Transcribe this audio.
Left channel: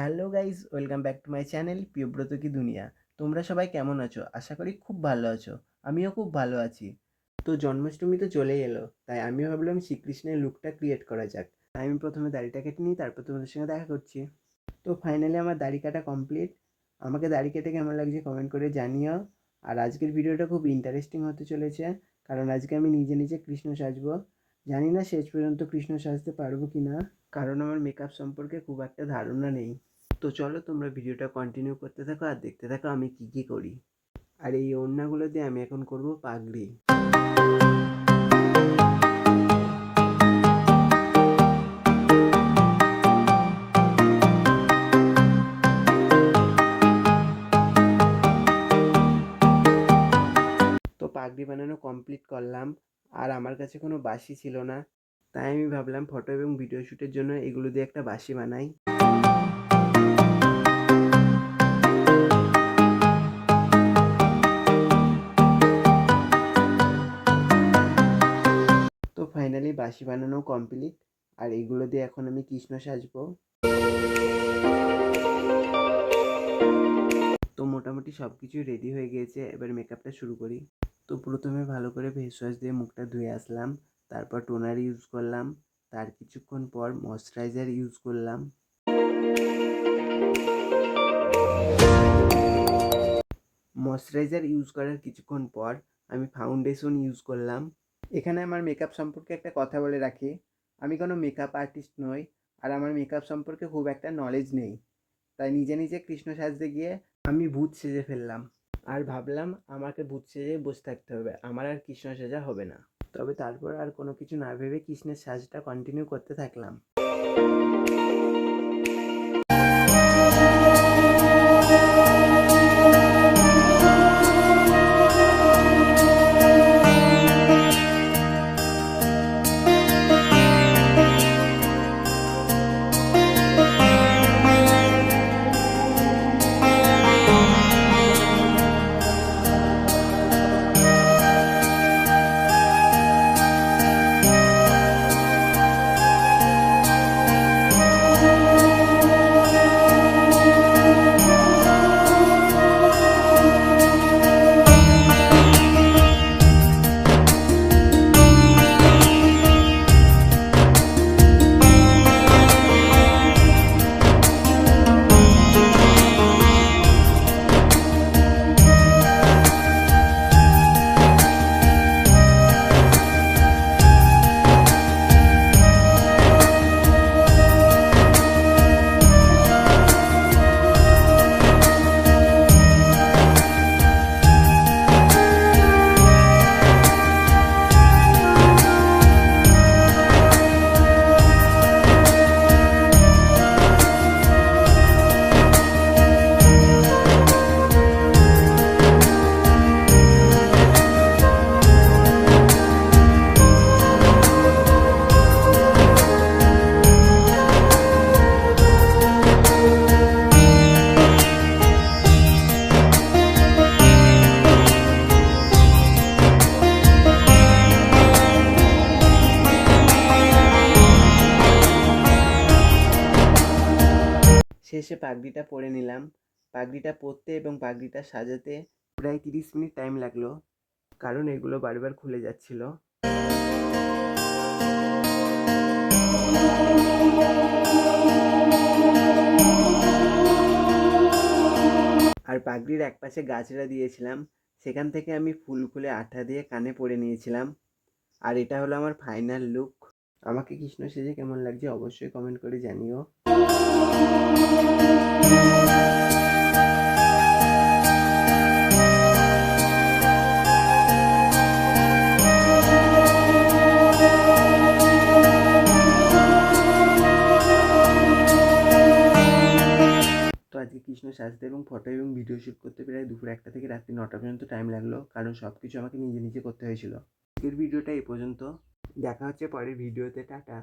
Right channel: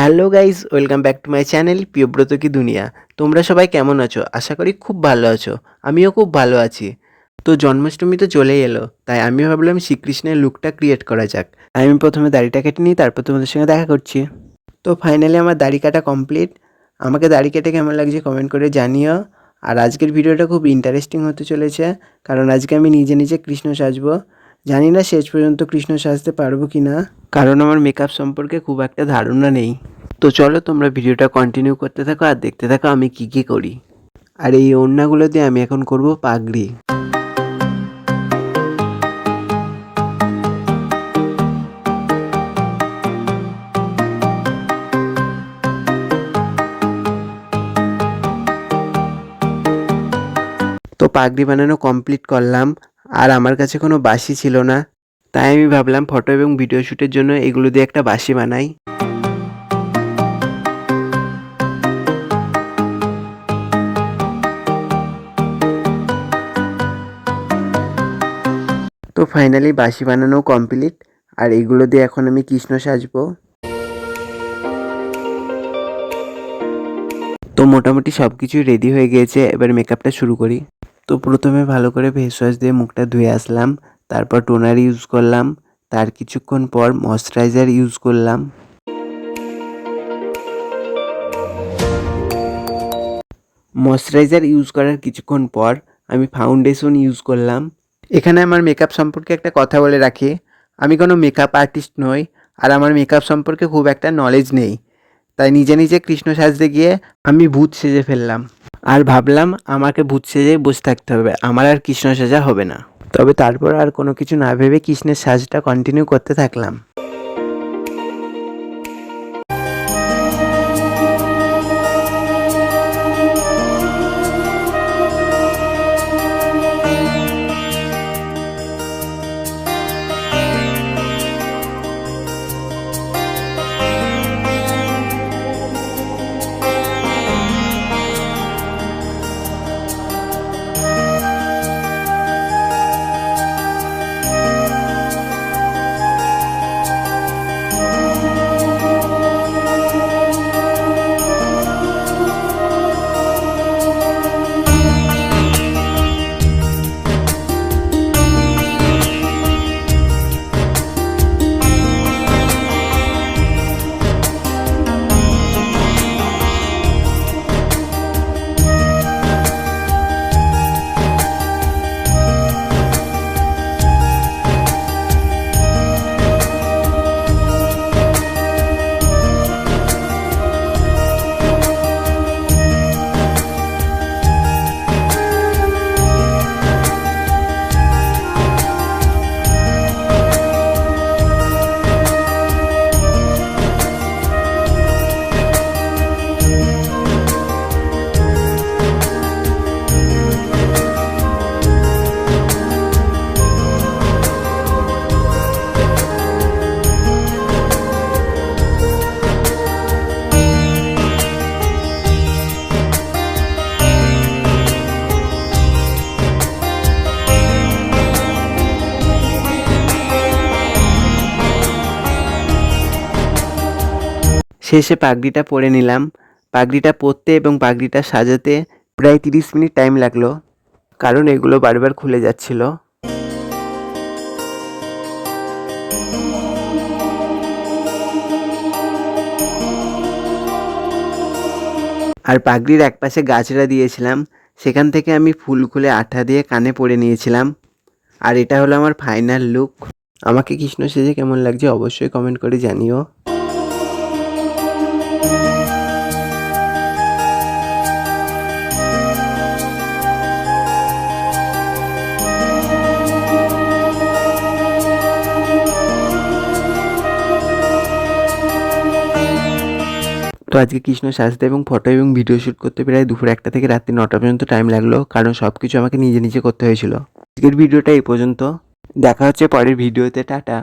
Hello guys, welcome back to my channel Priyabrata কি দুনিয়া। তোমরা সবাই কেমন আছো? আশা করি খুব ভালো আছো। আমিও খুব ভালো আছি। তো জন্মাষ্টমী তো চলেই এলো, তাই আমি ভাবলাম শ্রীকৃষ্ণের লুকটা ক্রিয়েট করা যাক। আমি প্রথমে দাড়িটা কেটে নিই, তারপর তোমাদের সঙ্গে দেখা করছি। তো ফাইনালি আমার দাড়ি কাটা কমপ্লিট আমাকে দাড়ি কেটে কেমন লাগছে কমেন্ট করে জানিও। আর আজকের ভিডিওটা খুব ইন্টারেস্টিং হতে চলেছে, কারণ আজকে আমি নিজে নিজে কৃষ্ণ সাজবো। জানি না শেষ পর্যন্ত কৃষ্ণ সাজতে পারব কি না। কারণ আমার মেকআপ সম্পর্কে খুব একটা ধারণা নেই। তো চলো তোমরা ভিডিওটা কন্টিনিউ করতে থাকো আর দেখতে থাকো আমি কি কি করি। আর এই ওড়নাগুলো দিয়ে আমি এখন করব পাগড়ি। তো পাগড়ি বানানো কমপ্লিট করলাম। আর আমার কাছে কোনো বাঁশি ছিল না। তাই আমি ভাবলাম ফটো এবং ভিডিও শ্যুটের জন্য এগুলো দিয়ে একটা বাঁশি বানাই। তো ফাইনালি বাঁশি বানানো কমপ্লিট আর এগুলো দিয়ে এখন আমি কৃষ্ণ সাজবো। তো মোটামুটি সব কিছুই রেডি হয়ে গিয়েছে, এবার মেকআপটা শুরু করি। তো প্রথমে ভালো করে ফেস ওয়াশ দিয়ে মুখটা ধুয়ে আসলাম, তারপর টোনার ইউজ করলাম, তার কিছুক্ষণ পর ময়শ্চারাইজার ইউজ করলাম। ময়শ্চারাইজার ইউজ করার কিছুক্ষণ পর আমি ফাউন্ডেশন ইউজ করলাম। এখানে আমার মেকআপ সম্পর্কে একটা কথা বলে রাখি, আমি কোনো মেকআপ আর্টিস্ট নই, আর আমার মেকআপ সম্পর্কে খুব একটা নলেজ নেই। তাই নিজে নিজে কৃষ্ণ সাজতে গিয়ে আমি ভূত সেজে ফেললাম। আর ভাবলাম আমাকে ভূত সেজে বসে থাকতে হবে, আমার আর কৃষ্ণ সাজা হবে না। তবে তারপর আর কোনো কিছু না ভেবে কৃষ্ণের সাজটা কন্টিনিউ করতে থাকলাম। শেষে পাগড়িটা পরে নিলাম। পাগড়িটা পরতে এবং পাগড়িটা সাজাতে প্রায় তিরিশ মিনিট টাইম লাগল। কারণ এগুলো বারবার খুলে যাচ্ছিল। আর পাগড়ির একপাশে গাছড়া দিয়েছিলাম। সেখান থেকে আমি ফুল খুলে আঠা দিয়ে কানে পরে নিয়েছিলাম। আর এটা হলো আমার ফাইনাল লুক আমাকে কৃষ্ণ সেজে কেমন লাগছে অবশ্যই কমেন্ট করে জানিও। তো আজকে কৃষ্ণ সাজতে এবং ফটো এবং ভিডিও শ্যুট করতে প্রায় দুপুর একটা থেকে রাত্রি নটা পর্যন্ত টাইম লাগল, কারণ সব কিছু আমাকে নিজে নিজে করতে হয়েছিল। আজকের ভিডিওটা এই পর্যন্ত। দেখা হচ্ছে পরের ভিডিওতে টাটা।